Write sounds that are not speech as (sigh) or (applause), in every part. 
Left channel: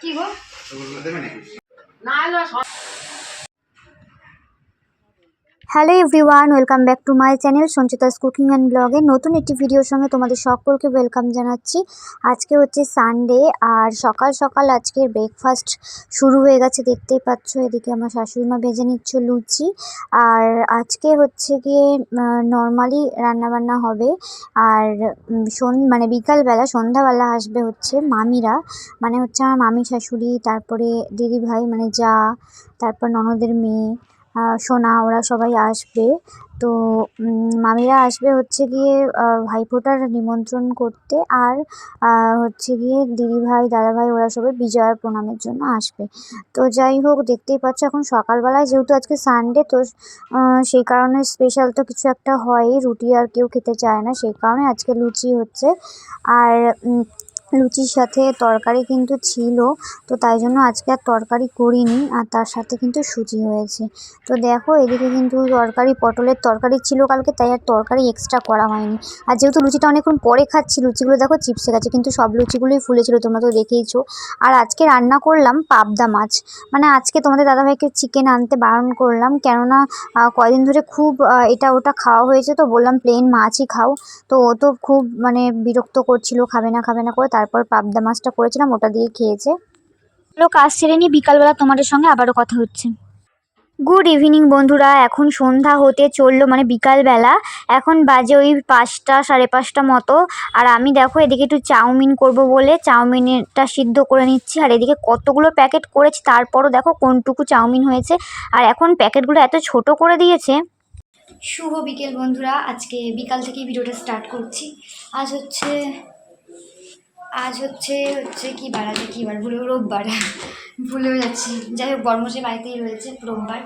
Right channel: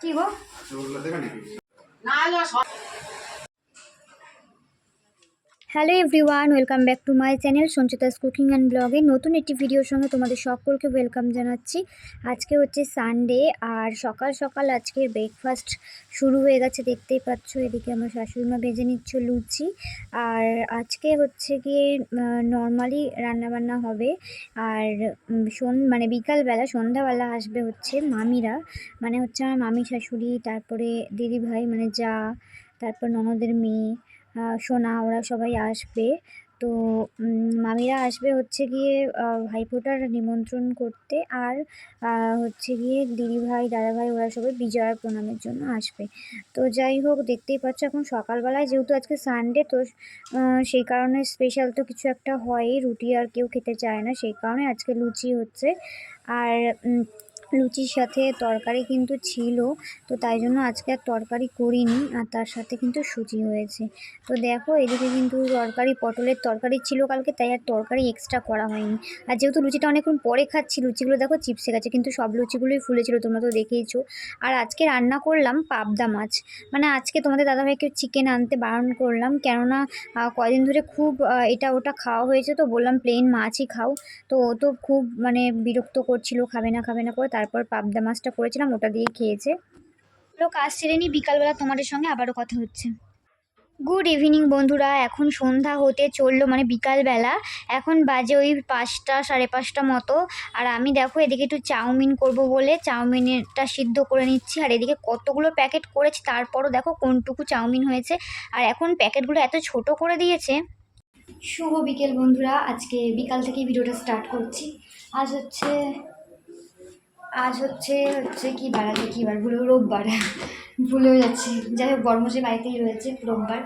কি গো? ওগুলো দেবে নাকি না hello everyone welcome back to my channel Sanchita's cooking and ব্লগে নতুন একটি ভিডিওর সঙ্গে তোমাদের সকলকে ওয়েলকাম জানাচ্ছি। আজকে হচ্ছে সানডে আর সকাল সকাল আজকের ব্রেকফাস্ট শুরু হয়ে গেছে, দেখতেই পাচ্ছ। এদিকে আমার শাশুড়িমা ভেজে নিচ্ছে লুচি। আর আজকে হচ্ছে গিয়ে নর্মালি রান্নাবান্না হবে। আর সন মানে বিকালবেলা, সন্ধ্যাবেলা আসবে হচ্ছে মামিরা। মানে হচ্ছে আমার মামি শাশুড়ি, তারপরে দিদিভাই মানে যা, তারপর ননদের মেয়ে। সোনা, ওরা সবাই আসবে। তো মামিরা আসবে হচ্ছে গিয়ে ভাইফোঁটার নিমন্ত্রণ করতে আর হচ্ছে গিয়ে দিদিভাই দাদাভাই ওরা সবাই বিজয়ার প্রণামের জন্য আসবে। তো যাই হোক, দেখতেই পাচ্ছ এখন সকালবেলায় যেহেতু আজকে সানডে তো সেই কারণে স্পেশাল তো কিছু একটা হয়ই। রুটি আর কেউ খেতে চায় না, সেই কারণে আজকে লুচি হচ্ছে। আর লুচির সাথে তরকারি কিন্তু ছিল তো তাই জন্য আজকে আর তরকারি করিনি আর তার সাথে কিন্তু সুজি হয়েছে। তো দেখো এদিকে কিন্তু তরকারি পটলের তরকারি ছিল কালকে তাই আর তরকারি এক্সট্রা করা হয়নি। আর যেহেতু লুচিটা অনেকক্ষণ পরে খাচ্ছি লুচিগুলো দেখো চিপসে গেছে কিন্তু সব লুচিগুলোই ফুলেছিল তোমরা তো দেখেইছো। আর আজকে রান্না করলাম পাবদা মাছ। মানে আজকে তোমাদের দাদাভাইকে চিকেন আনতে বারণ করলাম কেননা আহ, কয়দিন ধরে খুব এটা ওটা খাওয়া হয়েছে তো বললাম প্লেন মাছই খাও। তো ও তো খুব মানে বিরক্ত করছিল খাবে না খাবে না করে তারপর পাবদা মাছটা করেছিলাম, ওটা দিয়ে খেয়েছে। লোক কাজ সেরে নিয়ে বিকালবেলা তোমাদের সঙ্গে আবারও কথা হচ্ছে। গুড ইভিনিং বন্ধুরা, এখন সন্ধ্যা হতে চলল মানে বিকালবেলা। এখন বাজে ওই পাঁচটা, সাড়ে পাঁচটা মতো। আর আমি দেখো, এদিকে একটু চাউমিন করব বলে চাউমিনটা সিদ্ধ করে নিচ্ছি। আর এদিকে কতগুলো প্যাকেট করেছি, তারপরও দেখো কোনটুকু চাউমিন হয়েছে। আর এখন প্যাকেটগুলো এত ছোট করে দিয়েছে। শুভ বিকেল বন্ধুরা, আজকে বিকাল থেকে ভিডিওটা স্টার্ট করছি। আজ হচ্ছে আজ হচ্ছে হচ্ছে কি বার আজকে কী বার? ভুলেও রোববার। (laughs) ভুলেও যাচ্ছি। যাই হোক বর্মশাই বাড়িতেই রয়েছে রোববার।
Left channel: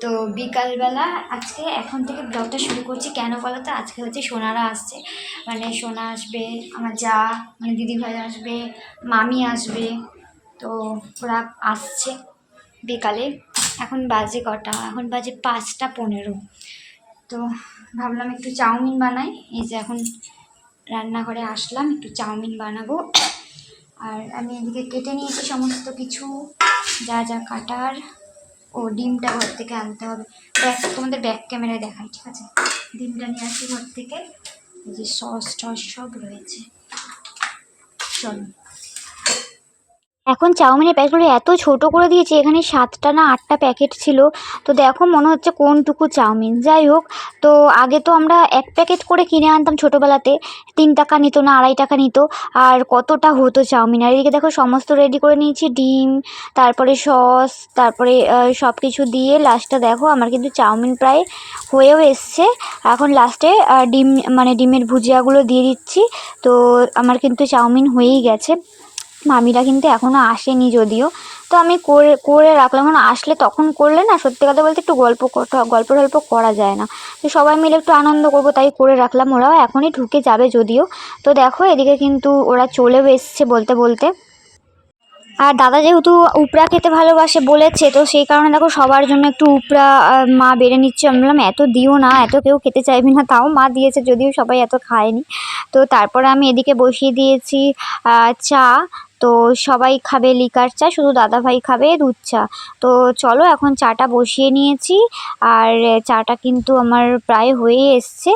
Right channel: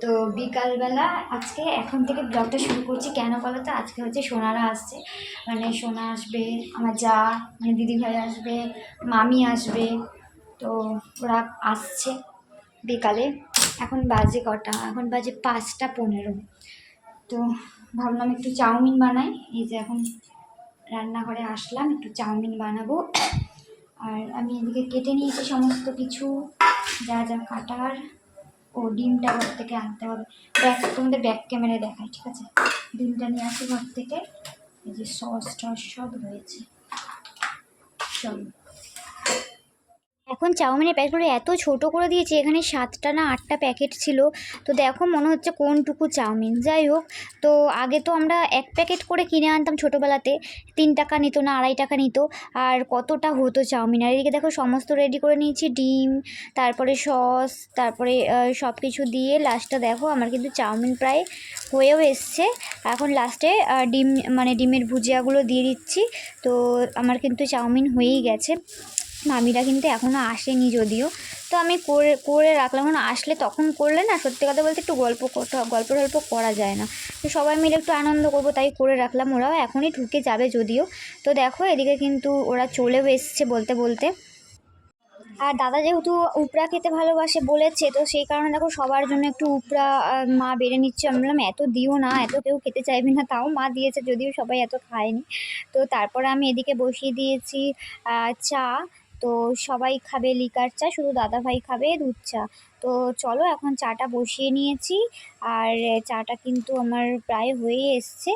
তো বিকালবেলা আজকে এখন থেকে ব্লগটা শুরু করছি। কেন বলো তো? আজকে হচ্ছে সোনারা আসছে। মানে সোনা আসবে, আমার যা মানে দিদিভাই আসবে, মামি আসবে। তো ওরা আসছে বিকালে। এখন বাজে কটা? এখন বাজে পাঁচটা পনেরো। তো ভাবলাম একটু চাউমিন বানাই। এই যে এখন রান্নাঘরে আসলাম, একটু চাউমিন বানাবো। আর আমি এদিকে কেটে নিয়েছি সমস্ত কিছু, যা যা কাটার। ও, ডিমটা ঘর থেকে আনতে হবে। ব্যাক, তোমাদের ব্যাক ক্যামেরায় দেখাই, ঠিক আছে? ডিমটা নিয়ে আসি ঘর থেকে। এই যে সস টস সব রয়েছে। চলো। এখন চাউমিনের প্যাকেটগুলো এত ছোট করে দিয়েছে, এখানে সাতটা না আটটা প্যাকেট ছিল। তো দেখো মনে হচ্ছে কোনটুকু চাউমিন। যাই হোক, তো আগে তো আমরা এক প্যাকেট করে কিনে আনতাম ছোটোবেলাতে। তিন টাকা নিত না, আড়াই টাকা নিত। আর কতটা হতো চাউমিন। আর এদিকে দেখো সমস্ত রেডি করে নিয়েছি, ডিম, তারপরে সস, তারপরে সব কিছু দিয়ে লাস্টটা দেখো, আমার কিন্তু চাউমিন প্রায় হয়েও এসছে। এখন লাস্টে ডিম মানে ডিমের ভুজিয়াগুলো দিয়ে দিচ্ছি। তো আমার কিন্তু চাউমিন হয়েই গেছে। মামিরা কিন্তু এখনও আসেনি যদিও। তো আমি করে করে রাখলাম। কারণ আসলে তখন করলে না সত্যি কথা বলতে একটু গল্প গল্প টল্প করা যায় না। তো সবাই মিলে একটু আনন্দ করব, তাই করে রাখলাম। ওরাও এখনই ঢুকে যাবে যদিও। তো দেখো এদিকে কিন্তু ওরা চলেও এসছে বলতে বলতে। আর দাদা যেহেতু উপরা খেতে ভালোবাসে বলেছে, তো সেই কারণে দেখো সবার জন্য একটু উপরা মা বেড়ে নিচ্ছে। আমি বললাম, এত দিও না, এত কেউ খেতে চাইবি না। তাও মা দিয়েছে, যদিও সবাই এত খায়নি। তো তারপরে আমি এদিকে বসিয়ে দিয়েছি চা। তো সবাই খাবে লিকার চা, শুধু দাদাভাই খাবে দুধ চা। তো চলো এখন চাটা বসিয়ে নিয়েছি। আর চাটা কিন্তু আমার প্রায় হয়ে এসছে।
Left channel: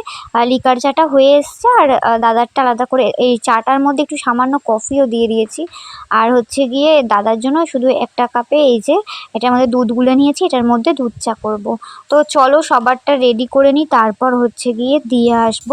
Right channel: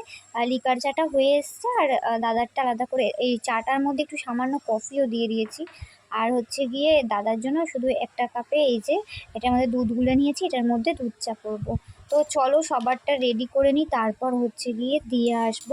লিকার চাটা হয়ে এসছে। আর দাদারটা আলাদা করে এই চাটার মধ্যে একটু সামান্য কফিও দিয়ে দিয়েছি। আর হচ্ছে গিয়ে দাদার জন্য শুধু একটা কাপে এই যে, এটার মধ্যে দুধ গুলে নিয়েছি, এটার মধ্যে দুধ চা করব। তো চলো সবারটা রেডি করে নিই, তারপর হচ্ছে গিয়ে দিয়ে আসব।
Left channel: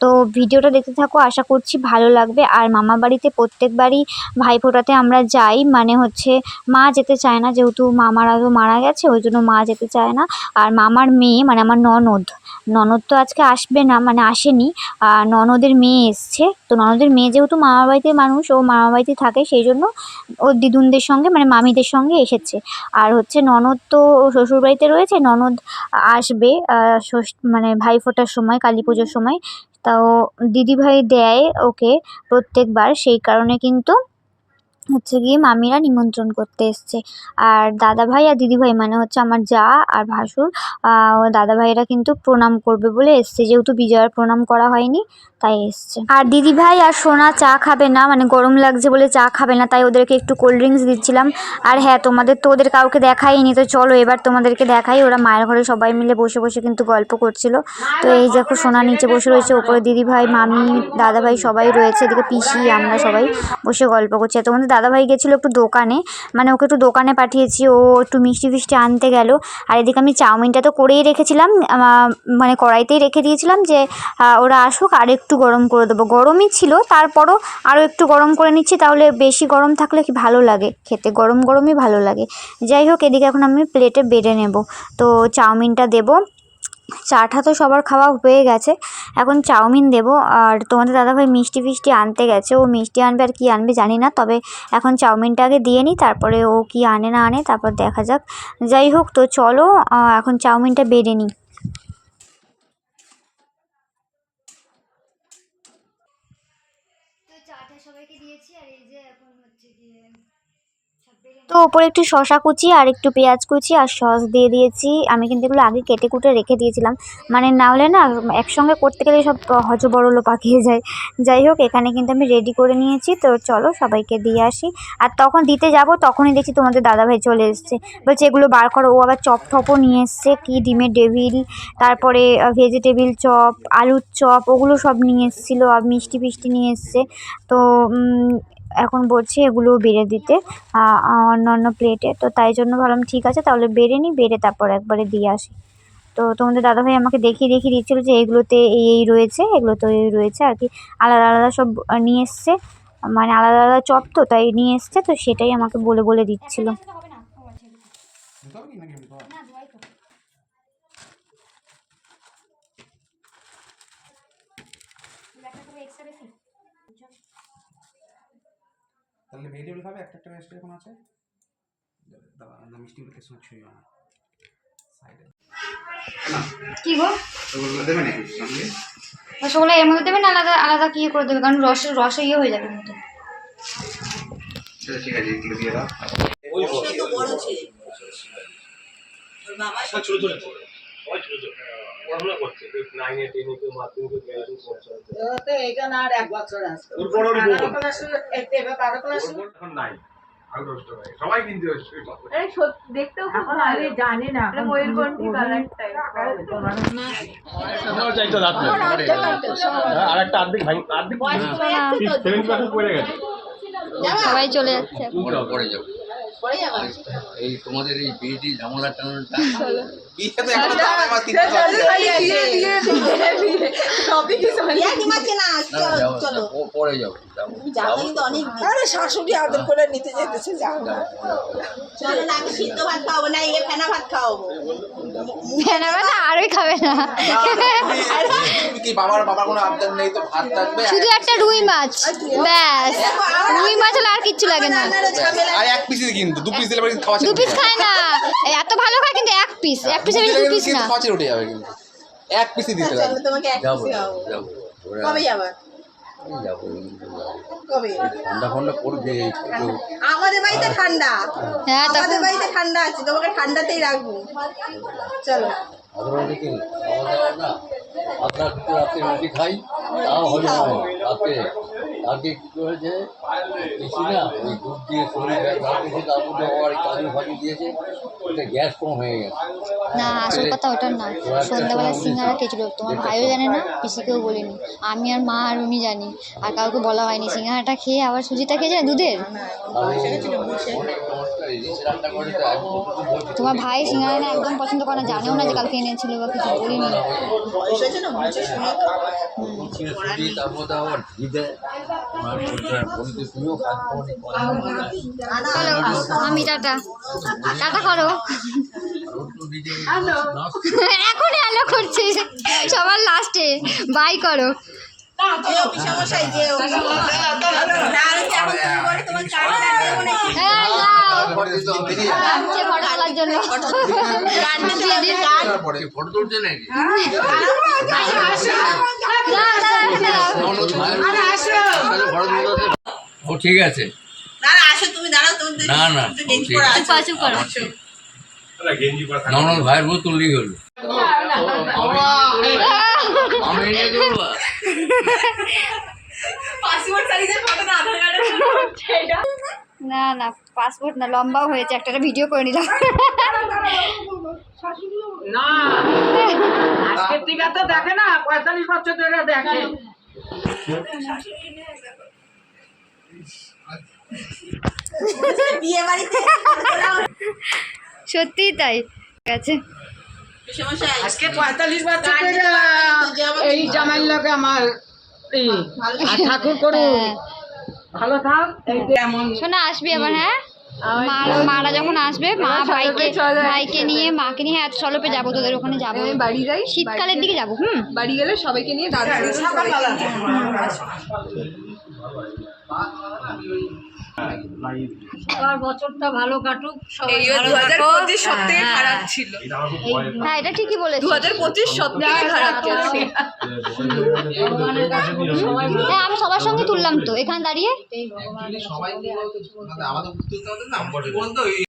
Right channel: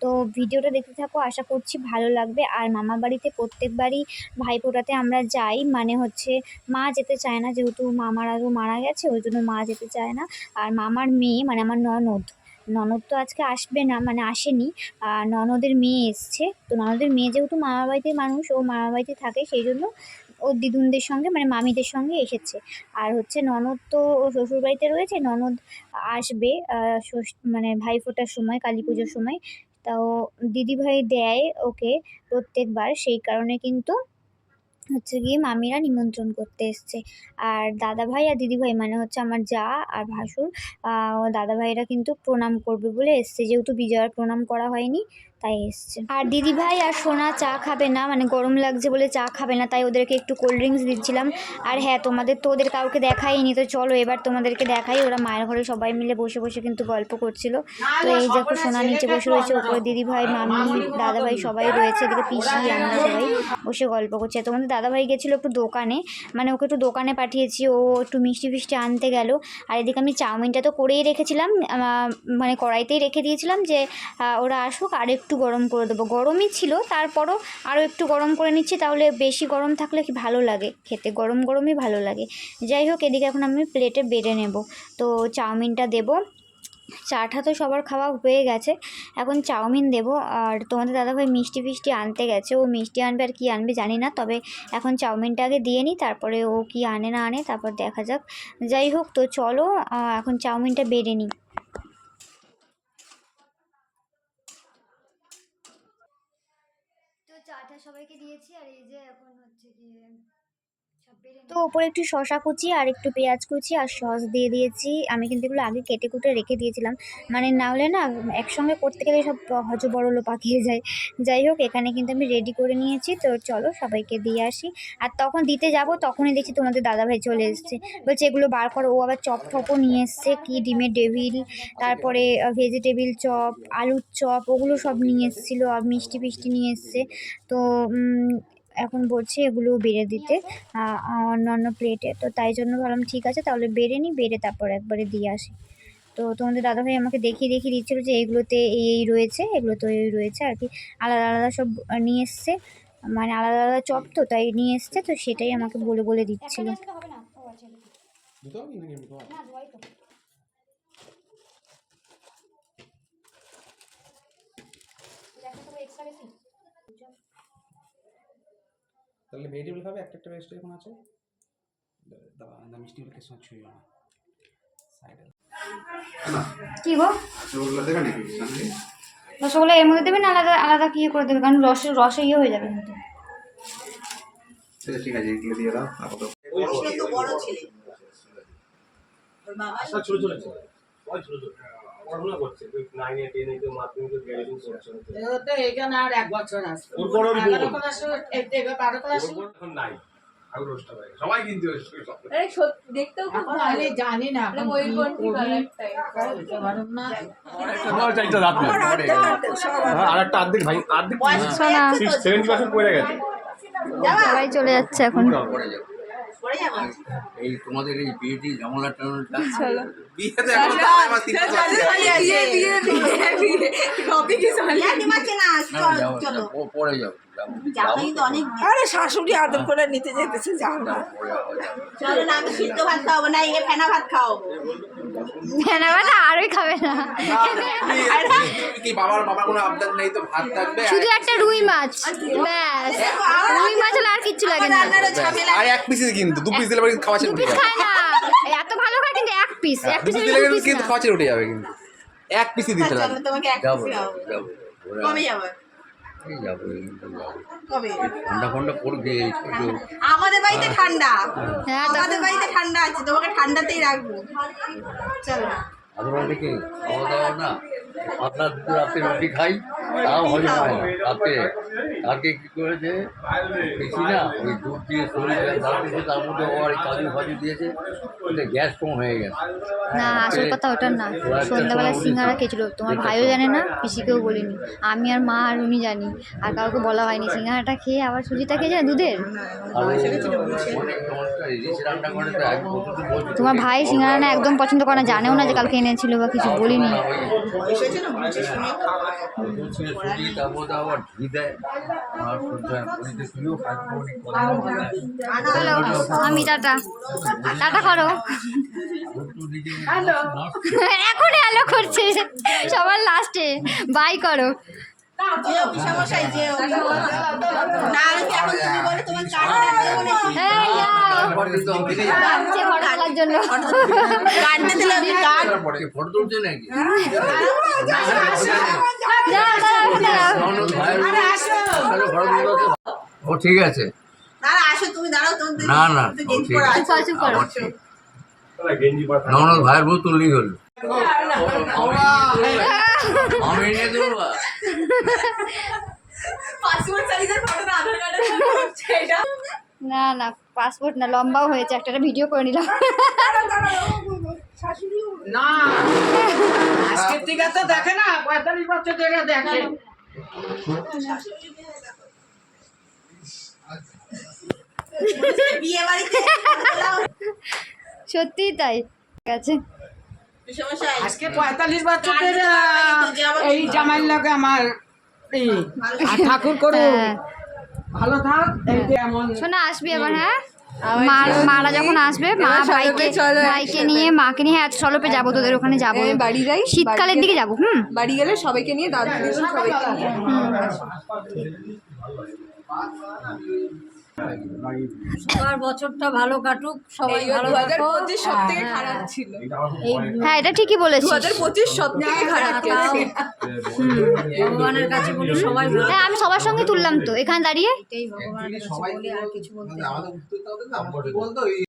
তো ভিডিওটা দেখতে থাকো, আশা করছি ভালো লাগবে। আর মামা বাড়িতে প্রত্যেকবারই ভাইফোঁটাতে আমরা যাই মানে হচ্ছে মা যেতে চায় না, যেহেতু মামারা তো মারা গেছে, ওই জন্য মা যেতে চায় না। আর মামার মেয়ে মানে আমার ননদ ননদ তো আজকে আসবে না মানে আসেনি। আর ননদের মেয়ে এসছে, তো ননদের মেয়ে যেহেতু মামার বাড়িতে মানুষ, ও মামার বাড়িতে থাকে, সেই জন্য ওর দিদুনদের সঙ্গে মানে মামিদের সঙ্গে এসেছে। আর হচ্ছে ননদ তো শ্বশুর বাড়িতে রয়েছে, ননদ আসবে মানে ভাইফোঁটার সময়, কালী পুজোর সময়। তাও দিদিভাই দেয় ওকে প্রত্যেকবার, সেই কারণে কিন্তু হচ্ছে গিয়ে মামিরা নিমন্ত্রণ করতে এসছে। আর দাদা ভাই আর দিদি ভাই মানে হচ্ছে আমার যা আর ভাসুর ও দাদা ভাইরা কিন্তু প্রণাম করবে বলে এসছে। যেহেতু বিজয়ার প্রণাম করা হয়নি, তাই এসছে। আর দিদি ভাই আর সোনা চা খাবে না মানে গরম লাগছে বলে চা খাবে না, তাই ওদেরকে একটু কোল্ড ড্রিঙ্কস দিচ্ছিলাম। আর হ্যাঁ তোমাদের তো ওদের কাউকে দেখাইনি, তো চলো এবার তোমাদেরকে দেখাই। ওরা মায়ের ঘরে সবাই মিলে বসে বসে কিন্তু গল্প করছিল। তো এই দেখো সোনা নিচে বসে রয়েছে, ওপরে দিদি ভাই, মামি, দাদা ভাই সবাই রয়েছে, এদিকে পিসি, আমরা সবাই বসে গল্প করছি। তোমাদের দাদা ভাই গেছিল একটু দোকানে মানে ওকে একটু দোকানে পাঠিয়েছি, ও একটু মিষ্টি ফিষ্টি আনতে গেল। আর এদিকে আমি চাউমিনটা তো করেই রেখেছিলাম মানে কড়াইতেই রেখে দিয়েছিলাম যে ওরা আসুক, আর একটু গরম করে দেবো। গরমই ছিল, তারপরও আরও একটু গরম করে নিচ্ছি, তাহলে বেশি গরম থাকলে কি ভালো লাগে? খেতে গরম গরমই ভালো লাগে। যাই হোক, এদিকে এখন আমি প্লেটে বেড়ে নেব। তো চাউমিনটা দেবো। চাটা তো সবার খাওয়া হয়ে গেছে। এখন চাউমিন দেবো। আর তোমাদের দাদাভাই মিষ্টি ফিষ্টি আনতে গেছে। ও মিষ্টি আনবে আর কি আনবে জানি না। তবে এখন চাউমিনটা আগে দিয়ে নিই তারপরে ও কি আনে না আনে, তারপর দেখা যাক। যাই হোক, তো চলো এখন চাউমিনটা বেড়ে নিই সবাইকে দিয়েছি, আর এই যে এখন হচ্ছে গিয়ে তো ওপরে একটু শশা কুচি আর একটু পেঁয়াজ কুচি আর সস দিয়ে দিয়েছি। আমি কিন্তু এগুলো আগে কেটে কুটে রেখে দিয়েছিলাম। মানে না হলে না একসঙ্গে করতে গেলে সব হজ বড়লো পাকিয়ে যায়। যাই হোক, এখানে কিন্তু আমি রেডি করে নিয়েছি। তো চলো সবাইকে দিয়ে আসি। আর তখন দিতে যাব, তখনই দেখছি তোমাদের দাদাভাই চলে এসছে। বলছে, এগুলো বার করো। ও আবার চপ টপও নিয়ে এসছে। কি ডিমের ডেভিল, তারপরে ভেজিটেবিল চপ, আলুর চপ, ওগুলো সব নিয়ে এসেছিল আর মিষ্টি ফিষ্টি নিয়ে এসছে। তো এখন বলছি এগুলো বেড়ে দিতে অন্য অন্য প্লেটে তো তাই জন্য ভাবলাম, ঠিক আছে, তাহলে বেড়ে নিই বেড়ে তারপর একবারে দিয়ে আসি। তো তোমাদের দাদাভাই আমাকে দেখিয়ে দেখিয়ে দিচ্ছিল যে এগুলোতে এই এই রয়েছে, এগুলোতে এই রয়েছে আর কি। আলাদা আলাদা সব নিয়ে এসছে মানে আলাদা আলাদা চপ তো, তাই নিয়ে এসছে, তো সেটাই আমাকে বলে বলে দিচ্ছিল। হবে? তাহলে ভেজিটেবল খাবে একটা একটা ভেজিটেবল এখন আছে? দাবা না মিষ্টিগুলো কিছু ছুঁয়ে না। সাইডে কি গো? ওগুলো দেবে নাকি? সঙ্গে? রসগোল্লা এর মধ্যে দেবে না? আলাদা আলাদা কি করে দেবে? কারণ রস রস ইয়ে হয়ে যাবে কিন্তু সেটা ঠিক আছে এগুলো দিয়ে দাও। বড় ছেলে। ওর বাবা ছোট ছোট ছোট ছোট পড়াশোনা করছে? নাইনে টেনে কেউ মাধ্যমিকে গ্র্যাজুয়েশন করছে। তো এখানে আর এক বছর আসবে ওর বড় ওর বারো ক্লাসে এবার বারো ক্লাসে এখন নাই সবাই কিনতে হচ্ছে আরে সত্যি দেখতেও খুব ভালো। আমি জানি না ময়ূরকণ্ঠী কালারটাই আমার চাইতো রাত না আর একটা অর্ধেক ভাই অর্ধেক বয়স যাচ্ছে তো? সেভেন্টি পার্সেন্ট পড়ে গেছে। সবাই চলে যাচ্ছে এখন। পড়ে যাবা? এই তোমাদের এই বিয়েটি ঝামেলা টামেলাটা বিয়ে তো এখনও মাস তিন বাকি আছে। ইয়া দিমাচ্ছে না না না, যাও চলো যাও, প- পরে যাব আরে শাশুড়ি আদর করে নিতে যেতেছে যাও না। চলো না আমি সিদ্ধ ভাত খাওয়াবো না এ ফেনা ভাত খাওয়াবো। ভেনা ভাত আরোই খাবে না। তুমি- তুমি কি বাবার বাবার কোনো আবদার নেই তো ভাত থাকবে? শুধু একটা রুই মাছ ব্যাস। রুই মাছ হলে আর কিচ্ছু লাগে না। এক পিসই কিন্তু দু পিস দিলে দু পিস খায় না। এত ভালো খায় কিন্তু এক পিস এক পিস দু পিস না। উঠে যাবে কিন্তু। এক পিসই দিতে হবে তোমাকে এক পিসি কবে যাব? যাব ঠান্ডা ফান্ডা পড়বে আমাদের বাড়িতে ঠান্ডা। হ্যাঁ আমাদের বাড়িতে ঠান্ডা আছে তোমাকে ঠান্ডাতেই রাখব। চলো। অথবা দেখি খাওয়া দাওয়া না? পাতলা রাতে রুটি খাই তাও হজম হয় না রাতে কালকে কী করেছে? বেশি না ওই দুধ দিয়ে শরীর দিয়েছে তার মধ্যে আবার এই কাজু ফাজু দিয়েছে ওতে গ্যাস কম হয়ে গেছে। না আসল কথা ওটা না। সন্ধ্যাবেলা সিঙ্গারা খেয়েছিল। তোমার ভাইও জানে না পিসিকেও বলিনি। আমি আর মা আর উনি জানি আর কাউকে বলা হয়নি। সিঙ্গারাটা খেয়ে আবার সুজিটা খেয়েছে না দুধের তোমার ভাই সিঙ্গারা না একদম পছন্দ করে না জানেও না যে কালকে এনেছিল বা কিছু বলিনি। বয়স আমি টাটা টাটা করো এখন হ্যালো করছে। সবার লাস্টে বাই করো ফটো তুলছে নাকি দাঁড়াও, দাঁড়াও, দাঁড়াও। সাথে ও ঠিক আছে। না না আসো মধ্যে না না ঠিক আছে। ননদ ভাইয়ের বউ হলো আমি দেবো পাসপোর্ট না আধার কার্ডের ফটো হচ্ছে এটা। না না পাসপোর্ট না লম্বাও হয়েছে একটা ভিডিও করে নিলাম। না আজকের থেকে তো দেখে না পঁয়তাল্লিশ বছর ধরে দেখে। (laughs) বিয়ে বাড়িতে সত্যি তাই আছে। আজকে পঁয়তাল্লিশ বছর এই জামাইয়ের লোকে আমার ঠাকুর করুন হ্যাঁ। ভালো থাক। এই যে এমন শোনা আসবি আবার হ্যাঁ? মারা যখন আসবে মা ভাইকে ভাইকে নিয়ে মাকে নিয়ে হ্যাঁ সলপে যাব তোদের ওখানে যাব। বাড়ি যাই? শীতকালের দিকে যাব হুম। বাড়ি গেলে সবাইকে নিয়ে দাদা দিদি সবাইকে নিয়ে। সবার বছরটা ভালো কাটুক সবাই ভালো কাটুক। পঁচিশ হ্যাঁ, খারাপ হ্যাঁ। ছিল। হ্যাঁ এটা ঠিকই বলেছিস। হাজার পঁচিশ খারাপ গেছে ভগবানের কাছে বলি সবাই হ্যাঁ আমি সবার সঙ্গে তুললাম তো। এখানে দাঁড়িয়ে? আর কিছু বলতে নেই। সম্পর্কে